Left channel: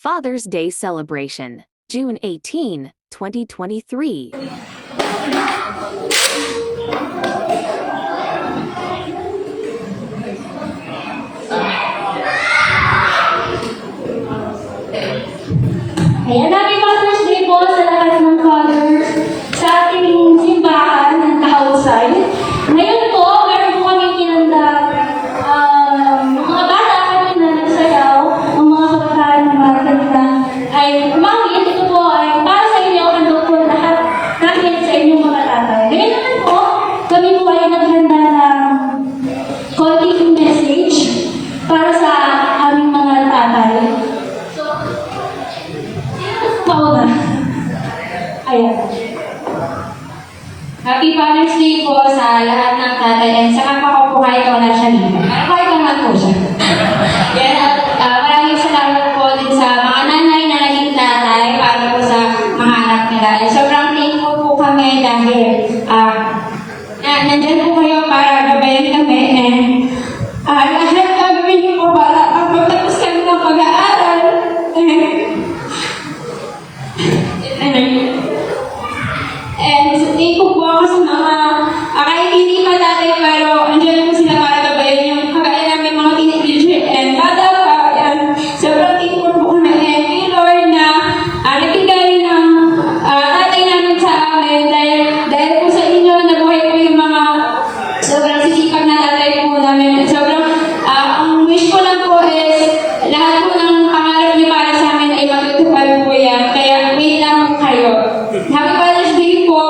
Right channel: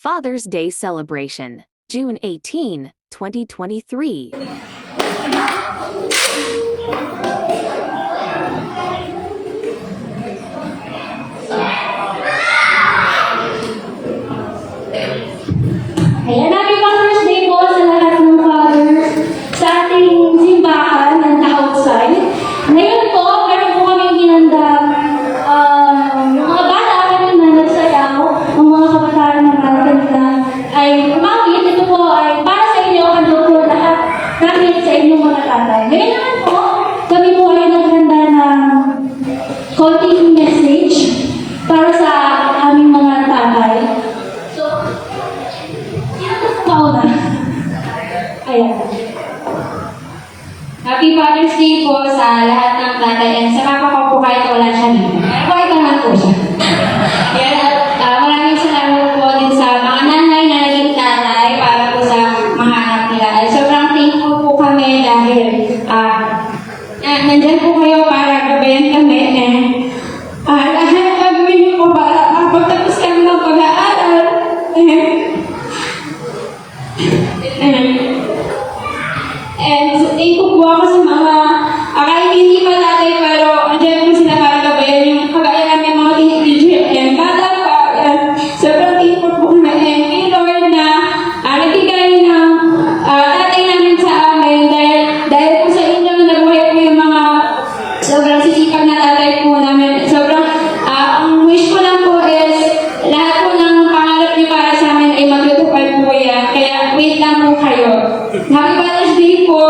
Father's Day Celebration, June 18, 2023. Ayan, happy Father's Day po sa lahat ng fathers sa ating simbahan and outside. Ngayon po, meron po kaming hinandang mga bata kanina nagsayaw, ang mga kabataan na maganda ay umawit. Ito po ay para sa inyo, ano po lahat namin sa inyong mga tatay. Ngayon naman po, kami po ay naghanda ng konting message para sa aming mga tatay. Ayan. Happy Father's Day po sa lahat ng tatay and sa kapwa ko po kahit wala siya dito. Kahit naman po siya. Kaya maraming salamat po din sa mga nanay na naging tatay para po sa mga anak nila. Ay sobrang thankful po kami dahil nandyan po kayo para gabayan kami lahat gagawin niyo po para magpatapos kami ng pag-aaral. And thankful po ako sa mga kahit hindi pa tatay pero andyan po sila para gabayan yung kagaya namin mga teenager and bata pa. Sobrang thankful po kami and kay Lord na nagbigay ng tatay namin sa amin dahil po sa inyo nabuhay po yung mga sobrang sisipag na tatay po namin. Sobrang ang wish ko lang po is lahat po ng pangarap niyo para sa amin ay matutupad po yan. Kaya wait lang po kayo. Happy Father's Day po!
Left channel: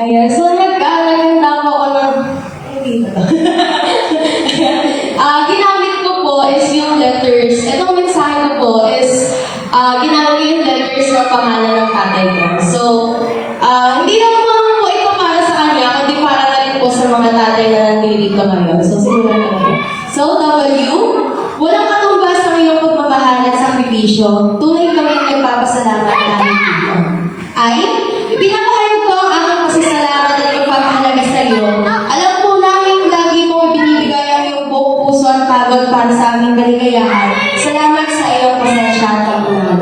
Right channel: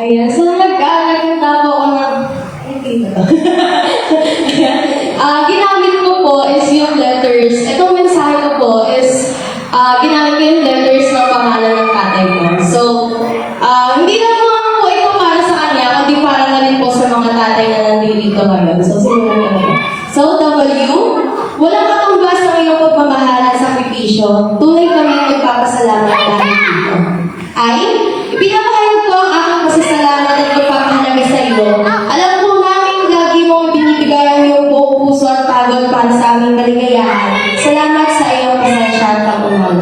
Ayan, so nagkaganda po ako ng ginamit ko po is yung letters. Itong mensahe ko po is ginamit ko yung letters ng pangalan ng tatay ko. So, hindi lang po ito para sa kanya, kundi para na rin po sa mga tatay na nandito ngayon. So, simulan natin. So, W, walang katumbas ng iyong pagmamahal at sakripisyo. Tunay kami ang ipapasalamat namin dito. I, ipinapahayag ko ang aking pasasalamat at pagpapahalaga sa iyo. Alam po namin lagi mong binibigay ang iyong buong puso at pagod para sa aming kaligayahan. Salamat sa iyong pasensya at pag-unawa.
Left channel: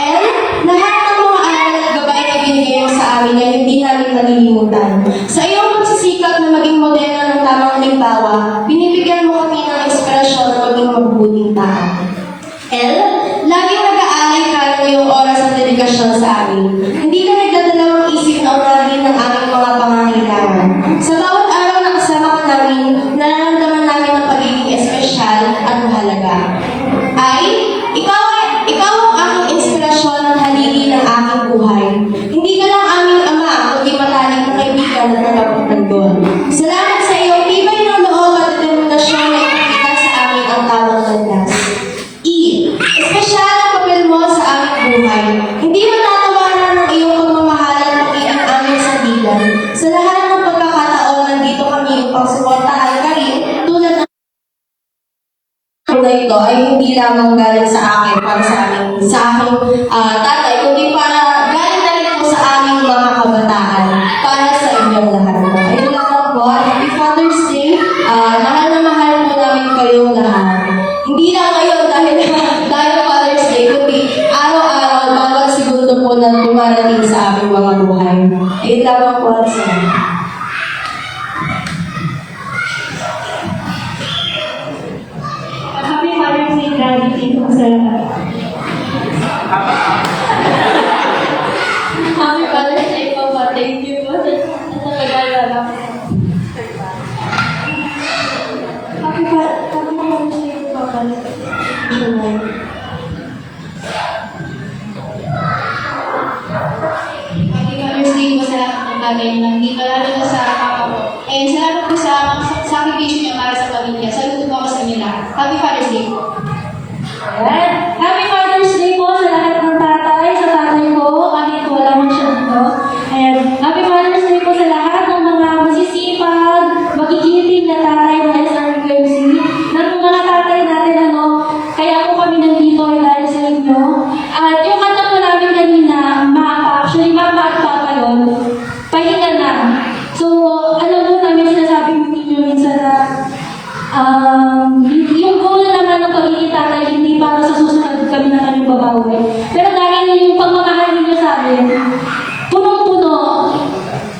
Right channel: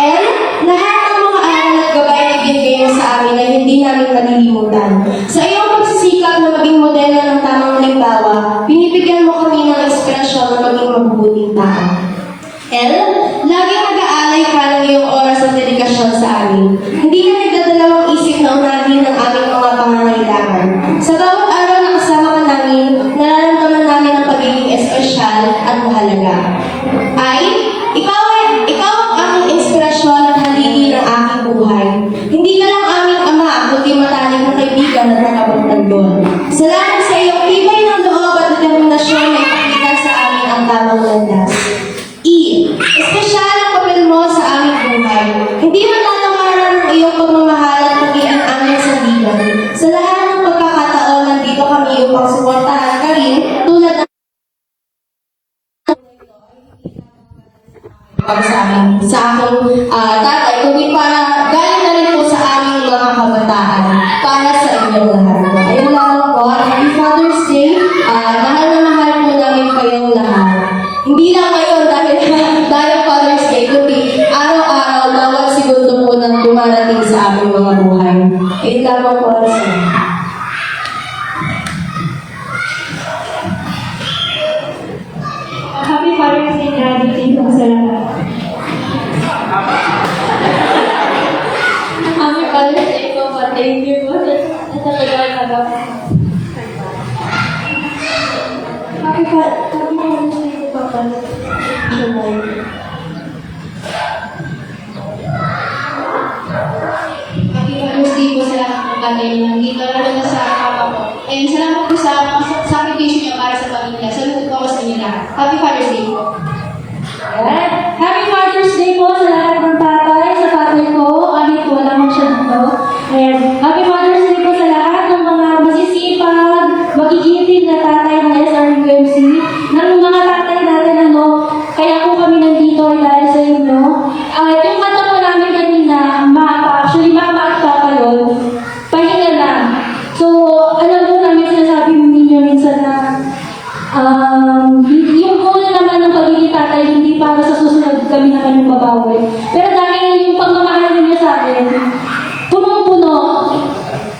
L, lahat ng mga aral at gabay na binigay mo sa amin ay hindi namin malilimutan. Sa iyong pagsisikap na maging modelo ng tamang halimbawa, binibigyan mo kami ng ekspresyon ng maging mabubuting tao. L, laging nag-aalay ka ng iyong oras at dedikasyon sa amin. Hindi ka nagdadalawang isip na unahin ng aming mga pangangailangan. Sa bawat araw na kasama ka namin, nararamdaman namin ang pagiging espesyal at mahalaga. I, ikaw ang aming inspirasyon at haligi ng aking buhay. Hindi ka lang aming ama, kundi matalik na kaibigan at nakapagtanggol. Salamat sa iyong tibay ng loob at determinasyon na ipakita sa amin ang tamang landas. E, espesyal ang papel mo sa aming buhay. Hindi matatawaran ng iyong pagmamahal at pag-iang aming sandigan. Sa lahat ng pagkakataon, nandito kami upang suportahan ka rin tulad ng na ito ay hindi lamang galing sa akin para sa aking tatay, kundi para galing na rin po sa aming mga kabataan para sa inyong lahat. Ayun lang po, Happy Father's Day. Mahal na mahal po namin kayong lahat. Hindi lang ngayon dahil Father's Day, kundi araw-araw, bawat segundo po na dumarating sa aming mga buhay. Ayun lamang po para sa inyo. Happy Father's Day, Daddy. Thank you sa lahat. yung puno naman ng pagiging tatay, hindi para sa susunod kami naman yung babawi. Pero dahil yung pagmamahal ninyo sa akin, punong-puno.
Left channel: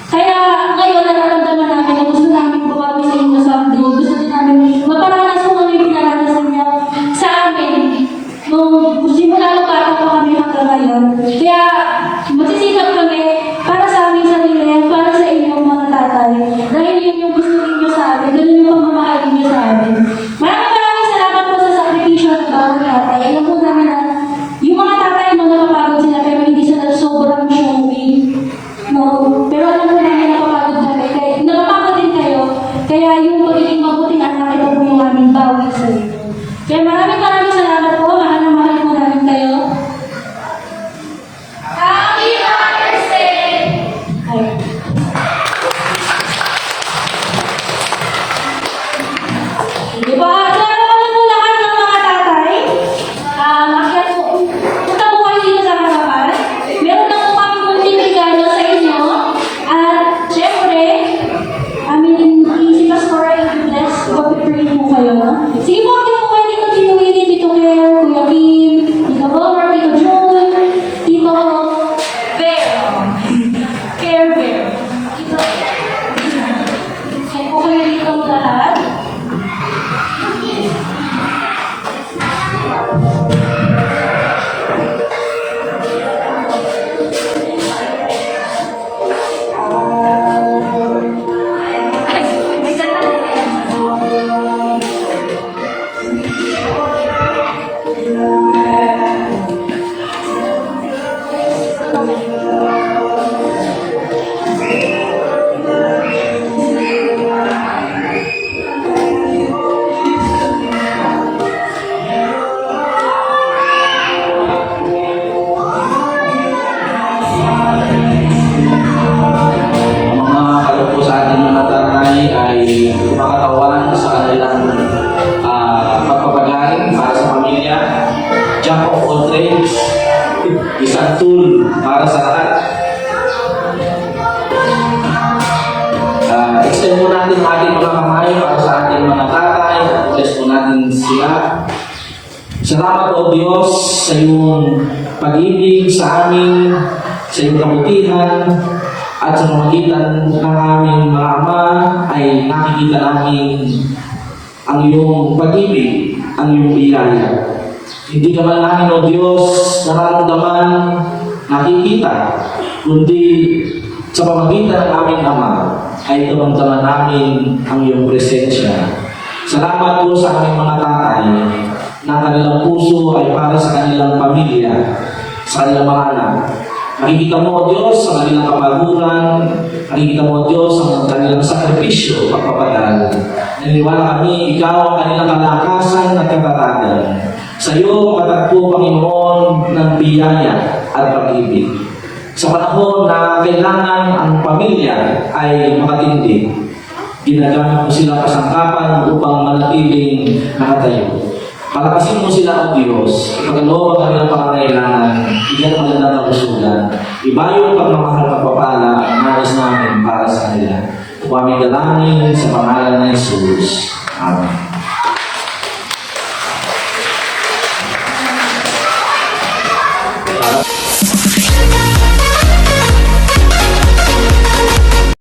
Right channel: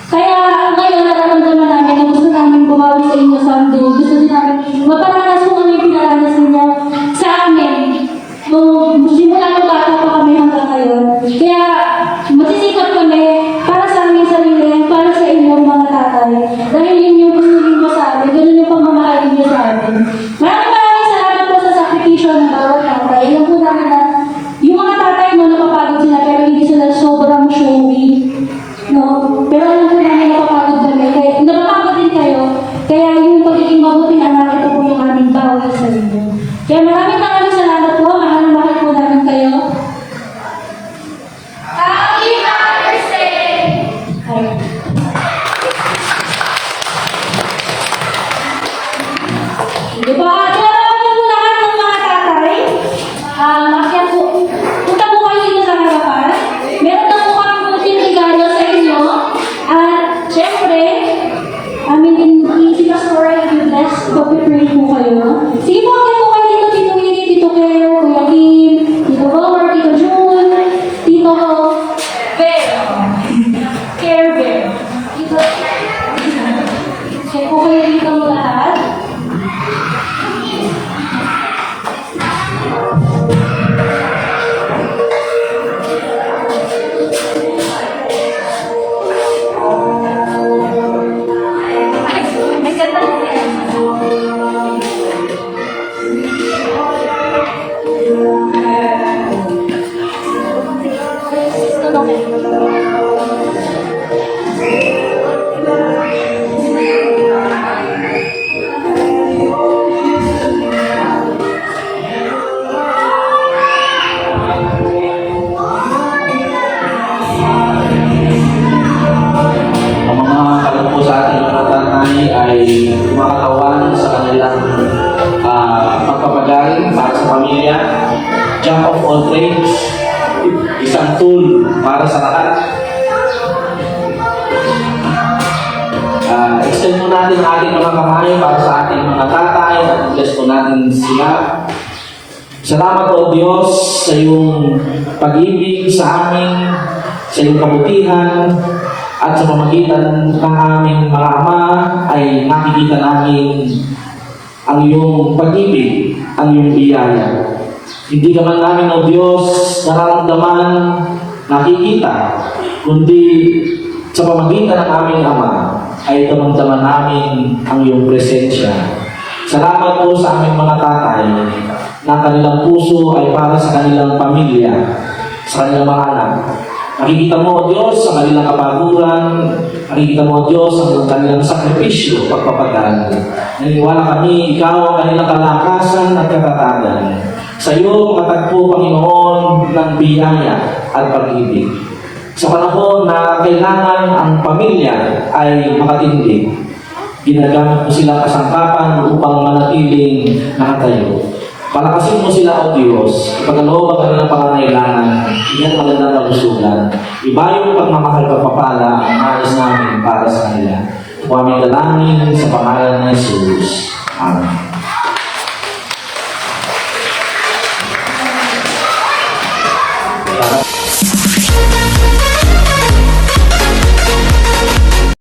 Kaya ngayon nararamdaman namin na gusto namin bumawi sa inyo someday. Gusto din namin magparanas kung ano yung pinaranasan niyo sa amin. Nung simula nung bata pa kami hanggang ngayon. Kaya magsisikap kami para sa aming sarili, para sa inyong mga tatay. Dahil yun yung gusto ninyo sa amin, ganun yung pamamahal ninyo sa amin. Maraming salamat po sa sakripisyo ng bawat tatay. Alam po namin na yung mga tatay mo napapagod sila pero hindi sila sobrang showy. No? Pero alam ko naman napapagod kami. Kaya napapagod din kayo. Kaya yung pagiging mabuting anak, ito po yung aming bawi sa inyo. Kaya maraming salamat po. Mahal na mahal po namin kayo. Happy Father's Day! Ay. Di ba? Kaya ano po lahat ng mga tatay? Akyat po. Punta po kayo dito sa harapan. Meron na po kami kunting regalo sa inyo. At syempre, si Pastora i-bless. Pag-pray mo kayo. Sige po, akyat po kayo dito. Tito Willie, Tito Claire, Kuya Kim, Tito Bomar, Tito June, Tito Bear. Care Bear. Tito. So po kayo dito mo lahat. Ang mga kalungkot sa ating mga tatay ay kumakatawan sa kanilang pagpapagaling para sa pamilya. Jack of all trades, isang tool para sa lahat. Extend po natin ang ating mga kamay para sa ating mga tatay. Bless po natin sila. Salamat o Diyos sa iyong pag-ibig sa amin, sa iyong kabutihan, at sa pamagitan ng aming mga ama ay nakikita namin ang iyong pag-ibig, ang iyong biyaya. Hindi naman namin o Diyos nararamdaman, nakikita, kundi sa pamagitan ng aming ama ay damdaman namin ang iyong presensya. Salamat po sa aming mga tatay na kanilang puso ay para sa kanilang pamilya, sa kanilang mga anak. Nakikita mo, O Diyos, sa kanilang kapaguran. Nakikita mo, O Diyos, ang kanilang sakripisyo, pagpapagal. Naniwala kami, Ikaw ang kanilang kalakasan at katatagan. Sa iyo, matagpo, Panginoon, ng biyaya at pag-ibig. Sa panahon na kailangan ang pamilya ay makatindig, ginagamit mo silang kasangkapan upang manatiling nakatayo. Palakasin mo sila, O Diyos, ipagkaloob ang kanilang pangangailangan, iyan ang magandang kalusugan. Iba yung pagmamahal pagpapala ang nais namin para sa kanila. Ito aming dalangin sa pangalan ng Jesus. Amen.